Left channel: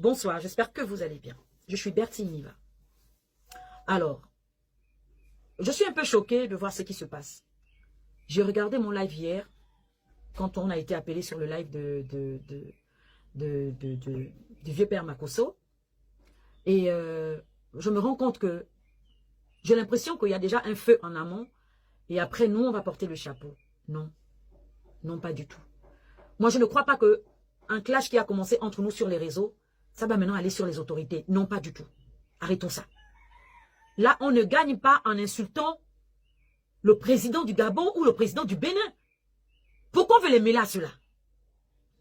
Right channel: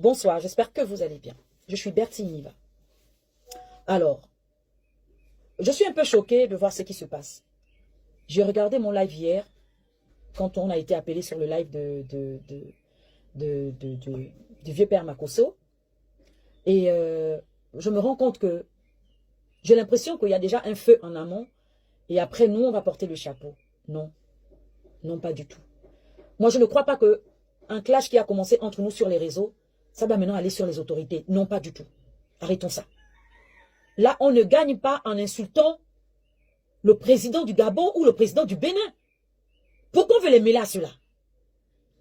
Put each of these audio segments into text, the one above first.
Bonsoir, j'espère que vous allez bien. Je suis Bertie Niva. Alors, je suis un peu choquée de voir ce qui se passe. J'ai regardé mon live hier, quand on a été appelé sur le live du vieux père Makosso. Et je me rends compte que j'ai l'impression qu'il y a déjà un feu en amont. Et après, nous, on va porter le chapeau. Non, non, pas du tout. Moi, je ne crois pas qu'un clash qui a commencé entre nous sur les réseaux, ça va maintenant aller sur les autorités. Non, pas du tout. Arrêtons ça. Là, on ne gagne pas en insultant le président du Gabon ou le président du Bénin. Pourquoi on veut les mêler à cela?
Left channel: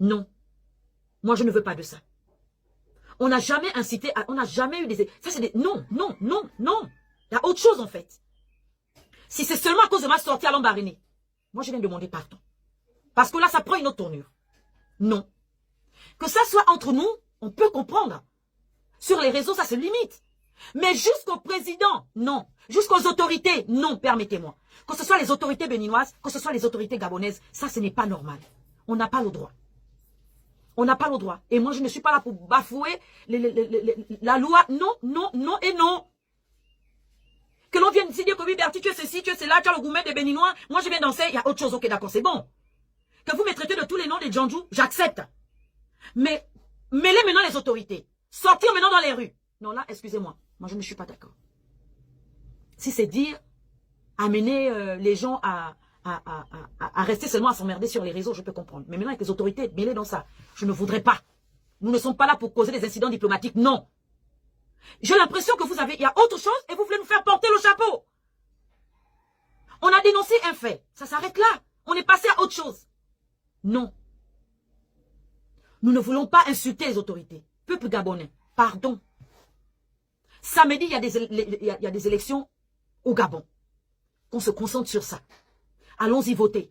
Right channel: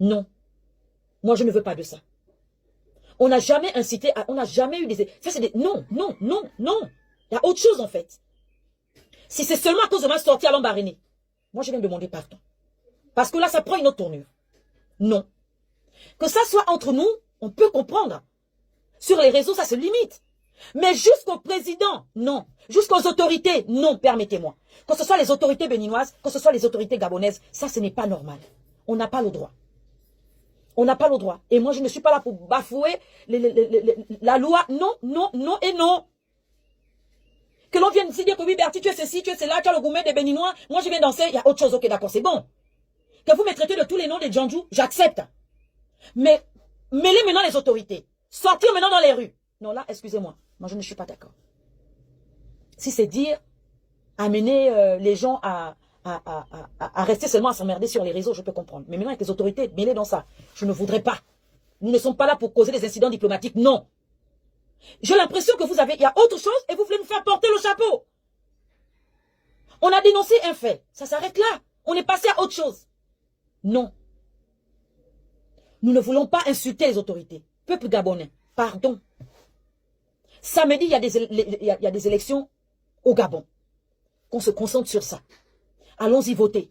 Non. Moi, je ne veux pas de ça. On n'a jamais incité, on n'a jamais eu des... Ça, c'est des... Non, non, non, non. Il y a autre chose, en fait. Si c'est seulement à cause de ma sortie à Lambaréné, moi, je viens demander pardon. Parce que là, ça prend une autre tournure. Non. Que ça soit entre nous, on peut comprendre. Sur les réseaux, ça se limite. Mais jusqu'au président, non. Jusqu'aux autorités, non, permettez-moi. Que ce soit les autorités béninoises, que ce soit les autorités gabonaises, ça, ce n'est pas normal. On n'a pas le droit. On n'a pas le droit. Et moi, je ne suis pas là pour bafouer la loi. Non, non, non et non. Que l'on vienne ici dire que oui, Bertie, tu es ceci, tu es cela, tu as le gourmet des Béninois. Moi, je viens danser, il y a autre chose. Ok, d'accord, c'est bon. Que vous me traitez de tous les noms des Djandjou, j'accepte. Mais mêlez maintenant les autorités. Sortir maintenant dans les rues. Non, là, excusez-moi. Moi, je ne suis pas d'accord. Si c'est dire, amener les gens à rester seulement à s'emmerder sur les réseaux, je peux comprendre. Mais maintenant, avec les autorités mêlées dans ça, je ne voudrais pas. Nous ne sommes pas là pour causer des incidents diplomatiques, non. J'ai l'impression que il y a autre chose et vous voulez nous faire porter le chapeau. On a dénoncé un fait. Ça s'arrête là. On est passé à autre chose. Non. Nous ne voulons pas insulter les autorités. Peuple gabonais, pardon. Samedi, il y a des élections au Gabon. Qu'on se concentre sur ça. Allons-y voter.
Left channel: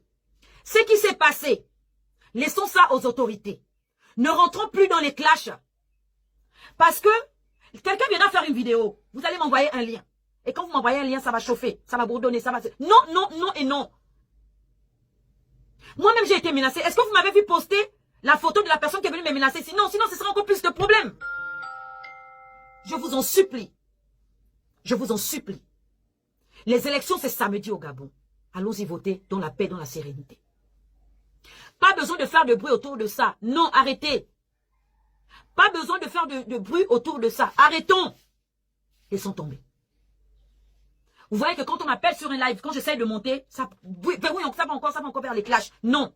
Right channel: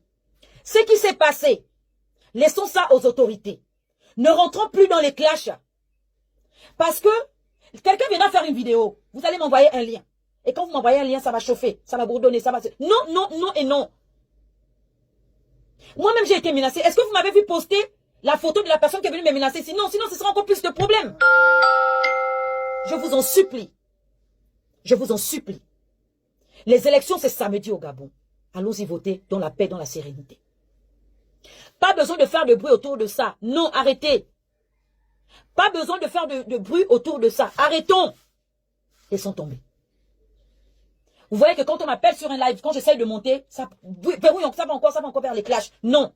Ce qui s'est passé, laissons ça aux autorités. Ne rentrons plus dans les clashs. Parce que quelqu'un viendra faire une vidéo. Vous allez m'envoyer un lien. Et quand vous m'envoyez un lien, ça va chauffer, ça va bourdonner, ça va... Non, non, non et non. Moi-même, j'ai été menacée. Est-ce que vous m'avez vu poster la photo de la personne qui est venue me menacer? Sinon, ce sera encore plus de problèmes. Je vous en supplie. Je vous en supplie. Les élections, c'est samedi au Gabon. Allons-y voter dans la paix, dans la sérénité. Pas besoin de faire de bruit autour de ça. Non, arrêtez. Pas besoin de faire de bruit autour de ça. Arrêtons. Ils sont tombés. Vous voyez que quand on m'appelle sur un live, quand j'essaye de monter, ça va encore vers les clashs. Non.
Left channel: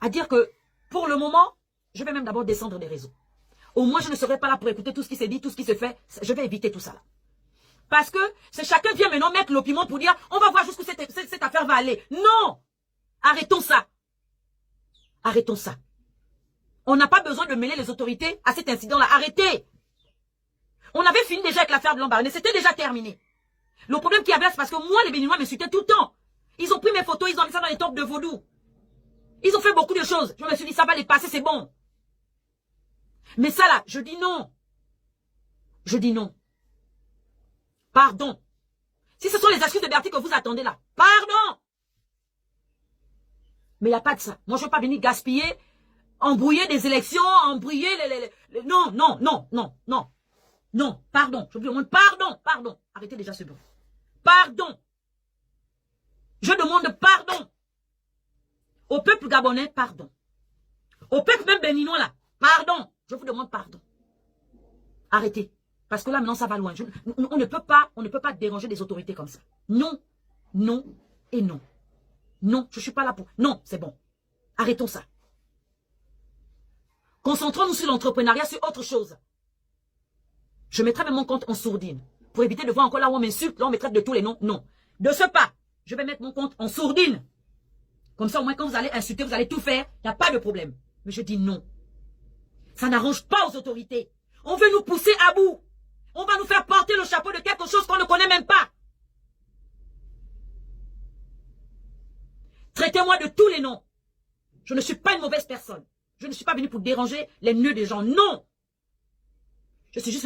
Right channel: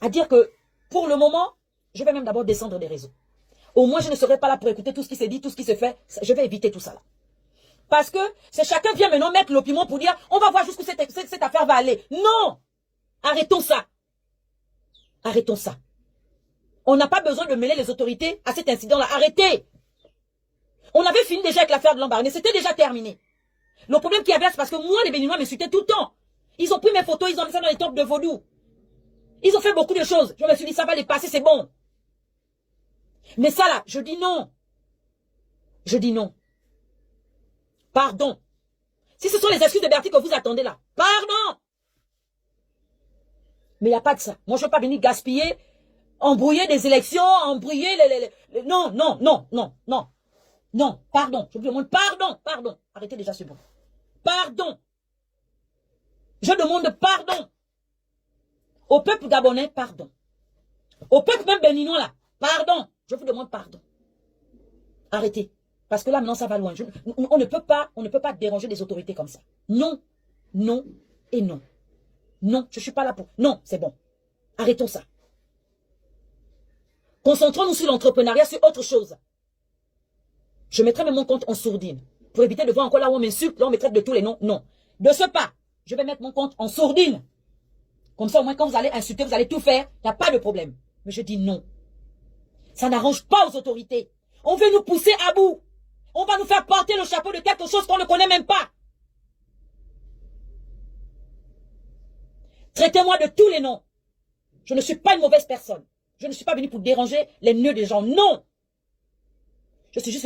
À dire que, pour le moment, je vais même d'abord descendre des réseaux. Au moins, je ne serai pas là pour écouter tout ce qui s'est dit, tout ce qui se fait. Je vais éviter tout ça là. Parce que chacun vient maintenant mettre l'opinion pour dire, on va voir jusqu'où cette affaire va aller. Non. Arrêtons ça. Arrêtons ça. On n'a pas besoin de mêler les autorités à cet incident-là. Arrêtez. On avait fini déjà avec l'affaire de Lambaréné. C'était déjà terminé. Le problème qu'il y avait, c'est parce que moi, les Béninois me suitaient tout le temps. Ils ont pris mes photos, ils ont mis ça dans les temples de vaudou. Ils ont fait beaucoup de choses. Je me suis dit, ça va les passer, c'est bon. Mais ça là, je dis non. Je dis non. Pardon. Si ce sont les excuses de Bertie que vous attendez là, pardon. Mais il n'y a pas de ça. Moi, je ne veux pas venir gaspiller, embrouiller des élections, embrouiller Non, non, non, non, non. Non, pardon. Je vous demande pardon, pardon. Arrêtez déjà ce bruit. Pardon. Je demande pardon. Au peuple gabonais, pardon. Au peuple même béninois là, pardon. Je vous demande pardon. Arrêtez. Parce que là, maintenant, ça va loin. On ne peut pas déranger les autorités comme ça. Non, non et non. Non, je ne suis pas là pour... Non, c'est bon. Arrêtons ça. Concentrons-nous sur l'entrepreneuriat, sur autre chose. Je mettrai même mon compte en sourdine. Pour éviter de voir encore là où on m'insulte, là on me traite de tous les noms. Non. De ce pas, je vais mettre mon compte en sourdine. Comme ça, au moins, quand vous allez insulter, vous allez tout faire. Il n'y a pas de problème. Mais je dis non. Ça n'arrange pas aux autorités. On veut nous pousser à bout. On va nous faire porter le chapeau de quelque chose qu'on ne connaît même pas. Traitez-moi de tous les noms. Je ne suis pas une mauvaise personne. Je ne suis pas venu pour déranger les nœuds des gens. Non. Je suis juste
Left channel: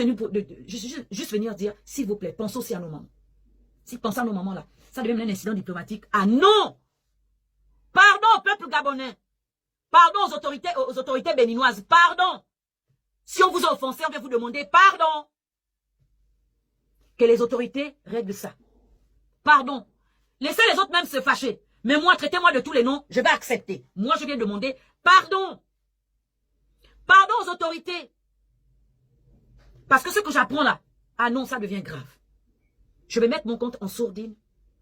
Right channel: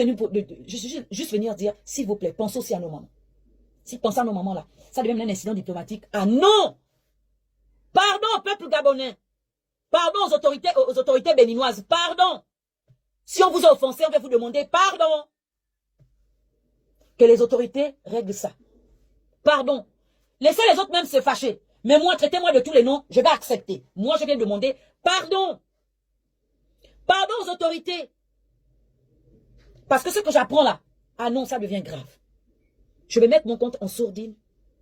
venu dire, s'il vous plaît, pensez aussi à nos mamans. Si pensez à nos mamans là, ça devient un incident diplomatique. Ah non. Pardon au peuple gabonais. Pardon aux autorités béninoises. Pardon. Si on vous a offensé, on va vous demander pardon. Que les autorités règlent ça. Pardon. Laissez les autres même se fâcher. Mais moi, traitez-moi de tous les noms, je vais accepter. Moi, je vais demander pardon. Pardon aux autorités. Parce que ce que j'apprends là, ah non, ça devient grave. Je vais mettre mon compte en sourdine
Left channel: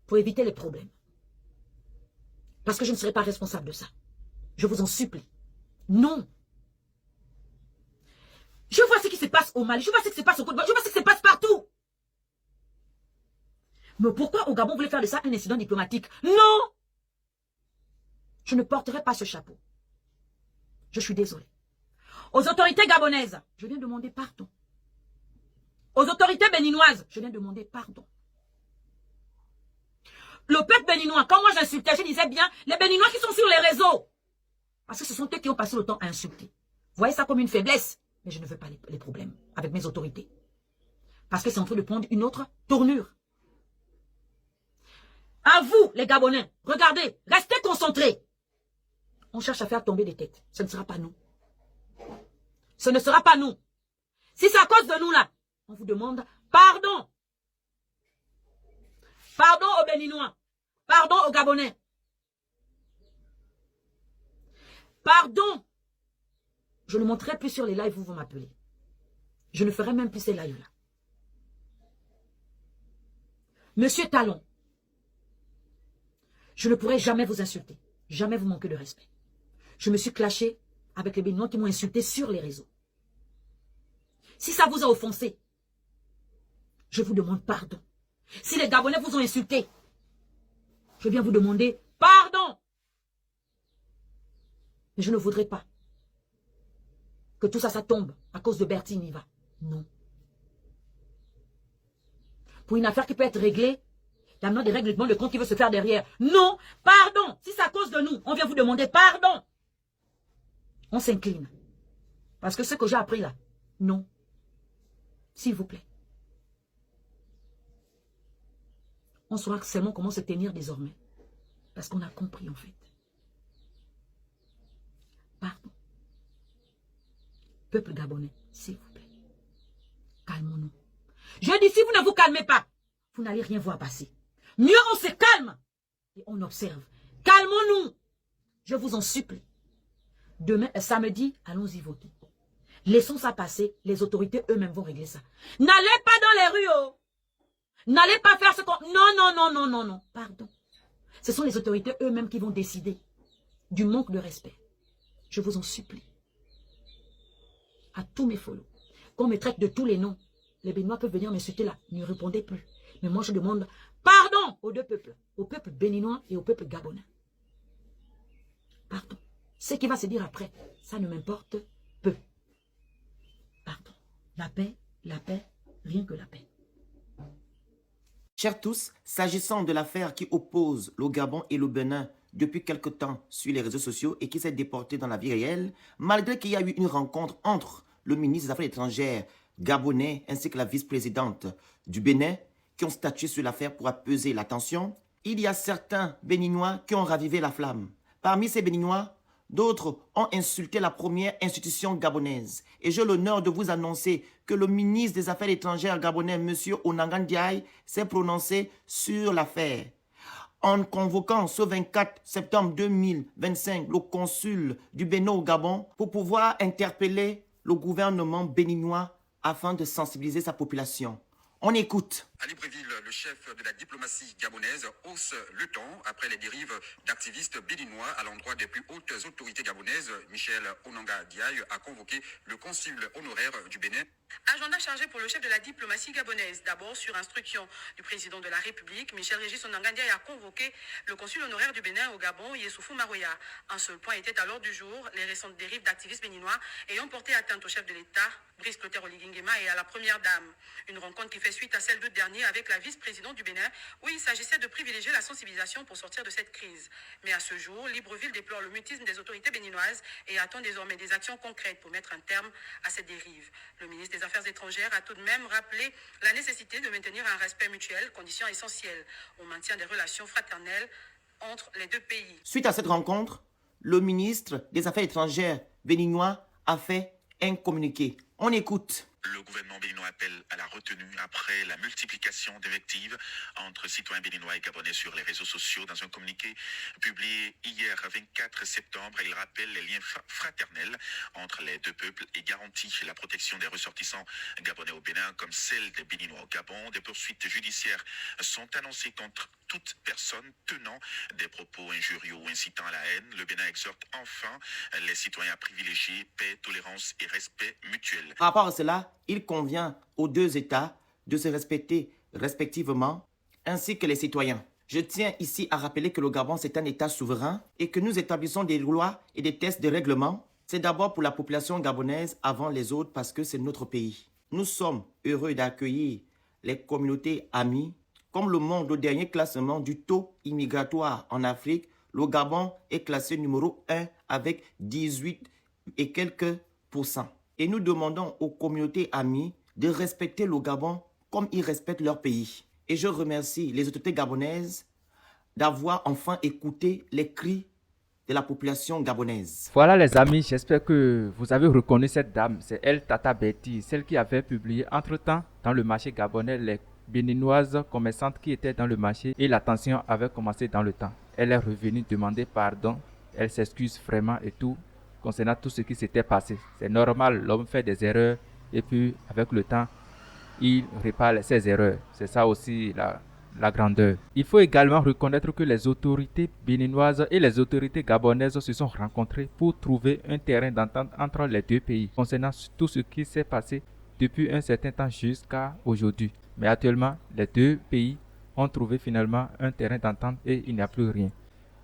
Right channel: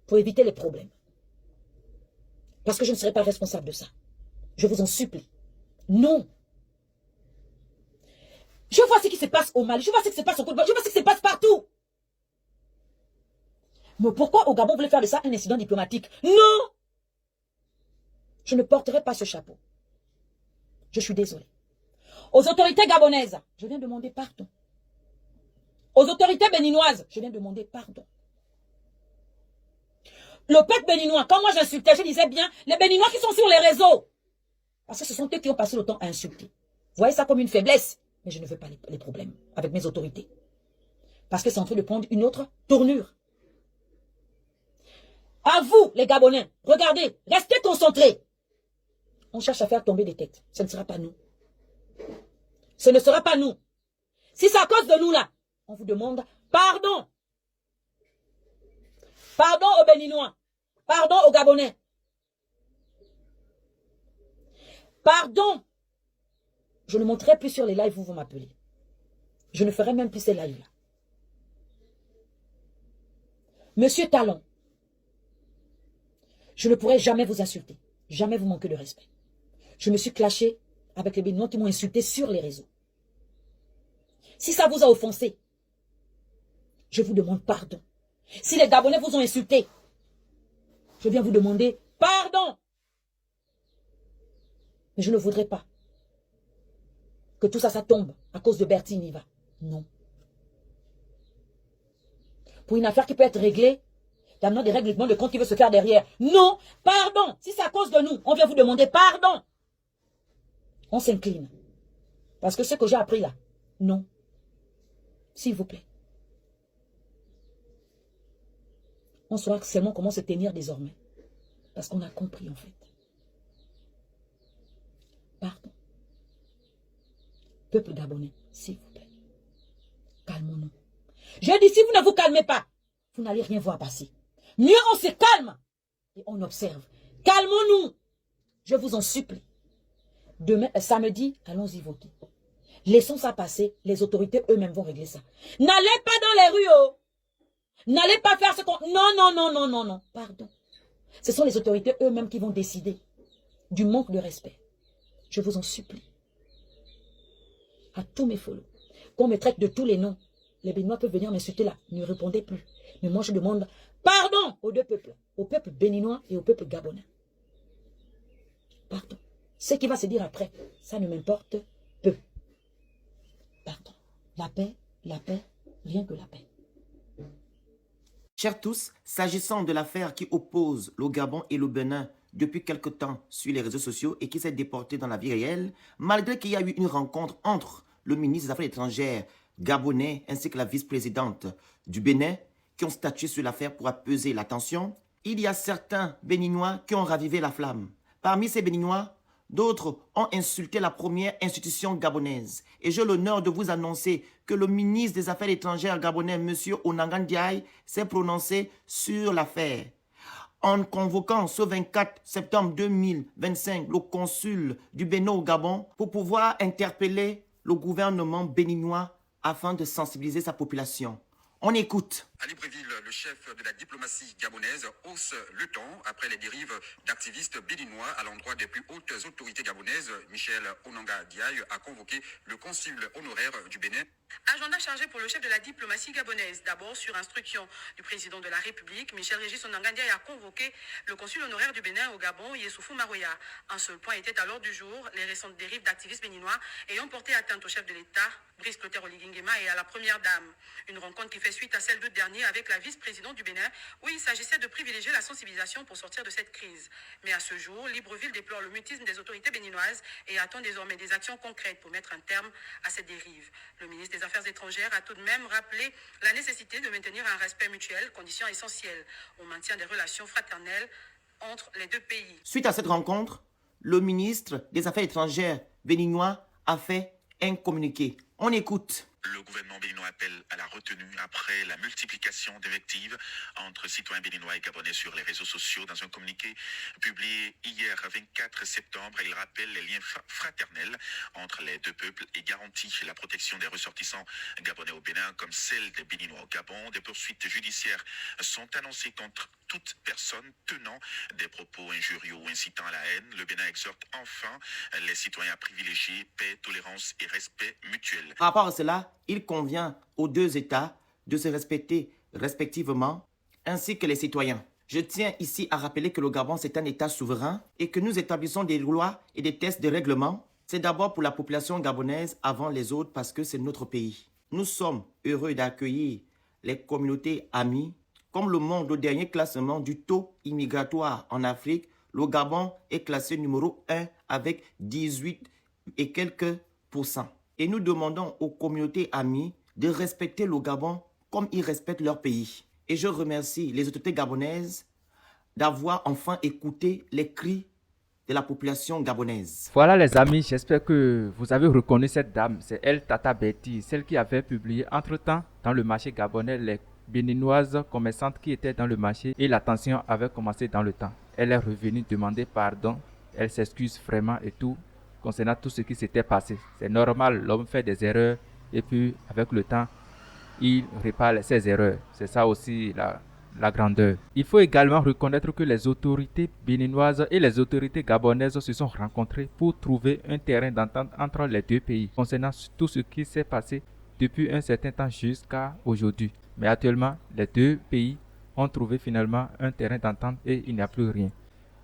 pour éviter les problèmes. Parce que je ne serai pas responsable de ça. Je vous en supplie. Non. Je vois ce qui se passe au Mali, je vois ce qui se passe au Côte d'Ivoire, je vois ce qui se passe partout. Mais pourquoi au Gabon vous voulez faire de ça un incident diplomatique? Non. Je ne porterai pas ce chapeau. Je suis désolée. Aux autorités gabonaises, je viens demander pardon. Aux autorités béninoises, je viens demander pardon. Le peuple béninois, quand moi j'insultais, je disais bien, les béninois qui sont sur les réseaux. Parce que ce sont eux qui ont passé le temps à insulter. Vous voyez ça comme une faiblesse. Mais je ne veux pas les problèmes avec mes autorités. Parce que c'est en train de prendre une autre tournure. À vous, les Gabonais, regardez, restez concentrés. On cherche à faire tomber des têtes. Ce ne sera pas nous. Ce ne sera pas nous. Si c'est à cause de nous là, on vous demande pardon. Pardon aux Béninois. Pardon aux Gabonais. Pardon. Je ne monterai plus sur les lives où vous m'appelez. Je ne ferai même plus ces lives là. Monsieur Talon, je ne pourrai jamais vous insulter. Jamais vous manquer de respect. Je me suis clashé avec les Béninois qui m'ont insulté sur les réseaux. Si ça vous a offensé, je vous demande pardon. Si les Gabonais vous ont insulté, je viens vous demander pardon. Mais je ne voudrais pas que tout ça tombe à cause de Bertie Niva. Non. Pour une affaire qui peut être réglée, il y a des règlements de compte qui veut se faire derrière. Non, pardon. Si c'est à cause de nous, on vient vous demander pardon. On s'incline. Parce que ce que j'ai appris là, non. S'il vous plaît. On saura seulement comment se tenir désormais. Parce qu'on a compris en fait. Pardon. Peuple gabonais, s'il vous plaît. Calmons-nous. Je dis, si vous ne vous calmez pas, vous n'allez rien voir passer. Mieux on se calme et on observe. Calmons-nous. Je vous en supplie. Demain, samedi, allons-y voter. Laissons ça passer. Les autorités eux-mêmes vont régler ça. N'allez pas dans les rues, oh. N'allez pas faire ce qu'on... Non, non, non, non, non, non. Pardon. Ce sont les autorités eux-mêmes qui vont décider du manque de respect. Je vous en supplie. À tous mes follow. Qu'on me traite de tous les noms. Les Béninois peuvent venir m'insulter là. Ne répondez plus. Mais moi, je demande pardon aux deux peuples. Au peuple béninois et au peuple gabonais. Pardon. Ce qui va se dire après, ça ne m'importe peu. Pardon. La paix, rien que la paix. Chers tous, s'agissant de l'affaire qui oppose le Gabon et le Bénin depuis quelque temps sur les réseaux sociaux et qui s'est déportée dans la vie réelle, malgré qu'il y a eu une rencontre entre le ministre des Affaires étrangères gabonais ainsi que la vice-présidente du Bénin qui ont statué sur l'affaire pour apaiser la tension, il y a certains Béninois qui ont ravivé la flamme. Parmi ces Béninois, d'autres ont insulté la première institution gabonaise. Et j'ai l'honneur de vous annoncer que le ministre des Affaires étrangères gabonais, M. Onanga Ndiaye, s'est prononcé sur l'affaire. En convoquant ce 24 septembre 2025 le consul du Bénin au Gabon pour pouvoir interpeller le gouvernement béninois afin de sensibiliser sa population. On écoute. À Libreville, le chef de la diplomatie gabonaise hausse le ton après les dérives d'activistes béninois à l'endroit des plus hautes autorités gabonaises. Michel Onanga Ndiaye a convoqué le consul honoraire du Bénin. Agenda chargé pour le chef de la diplomatie gabonaise. D'abord, sur instruction du président de la République, Michel Régis Onanga Ndiaye a convoqué le consul honoraire du Bénin au Gabon, Yessoufou Maroya. Un seul point était à l'ordre du jour, les récentes dérives d'activistes béninois ayant porté atteinte au chef de l'État, Brice Clotaire Oligui Nguema, et à la première dame. Une rencontre qui fait suite à celle d'août dernier avec la vice-présidente du Bénin, où il s'agissait de privilégier la sensibilisation pour sortir de cette crise. Mais à ce jour, Libreville déplore le mutisme des autorités béninoises et attend désormais des actions concrètes pour mettre un terme à cette dérive. Le ministre des Affaires étrangères a tout de même rappelé la nécessité de maintenir un respect mutuel, condition essentielle au maintien des relations fraternelles entre les deux pays. Suite à cette rencontre, le ministre des Affaires étrangères béninois a fait un communiqué. On écoute. Le gouvernement béninois appelle à la retenue après la multiplication d'invectives entre citoyens béninois et gabonais sur les réseaux sociaux. Dans un communiqué publié hier 24 septembre, il rappelle les liens fraternels entre les deux peuples et garantit la protection des ressortissants gabonais au Bénin comme celle des Béninois au Gabon. Des poursuites judiciaires sont annoncées contre toute personne tenant des propos injurieux ou incitant à la haine. Le Bénin exhorte enfin les citoyens à privilégier paix, tolérance et respect mutuel. Par rapport à cela, il convient aux deux États de se respecter respectivement, ainsi que les citoyens. Je tiens ici à rappeler que le Gabon, c'est un État souverain et que nous établissons des lois et des tests de règlement. C'est d'abord pour la population gabonaise avant les autres parce que c'est notre pays. Nous sommes heureux d'accueillir les communautés amies. Comme le montre le dernier classement du taux immigratoire en Afrique, le Gabon est classé numéro 1 avec 18 et quelques %. Et nous demandons aux communautés amies de respecter le Gabon comme ils respectent leur pays. Et je remercie les autorités gabonaises d'avoir enfin écouté les cris de la population gabonaise. Voilà les amis, j'espère que vous avez reconnu cette dame. C'est elle, Tata Betty, celle qui avait publié entre-temps dans le marché gabonais les béninoises commerçantes qui étaient dans le marché et la tension avait commencé dans le temps. Elle est revenue demander pardon, elle s'excuse vraiment et tout concernant tout ce qui s'était passé. C'est normal, l'homme fait des erreurs et puis avec le temps, il répare ses erreurs. C'est ça aussi la grandeur. Il faut également reconnaître que les autorités béninoises et les autorités gabonaises se sont rencontrées pour trouver un terrain d'entente entre les deux pays concernant tout ce qui s'est passé depuis un certain temps jusqu'à aujourd'hui. Mais actuellement, les deux pays ont trouvé finalement un terrain d'entente et il n'y a plus rien.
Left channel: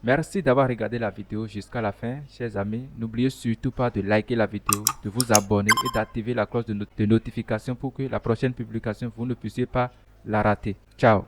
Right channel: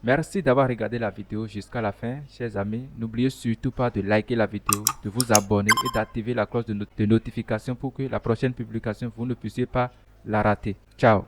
Merci d'avoir regardé la vidéo jusqu'à la fin, chers amis. N'oubliez surtout pas de liker la vidéo, de vous abonner et d'activer la cloche de notification pour que la prochaine publication, vous ne puissiez pas la rater. Ciao!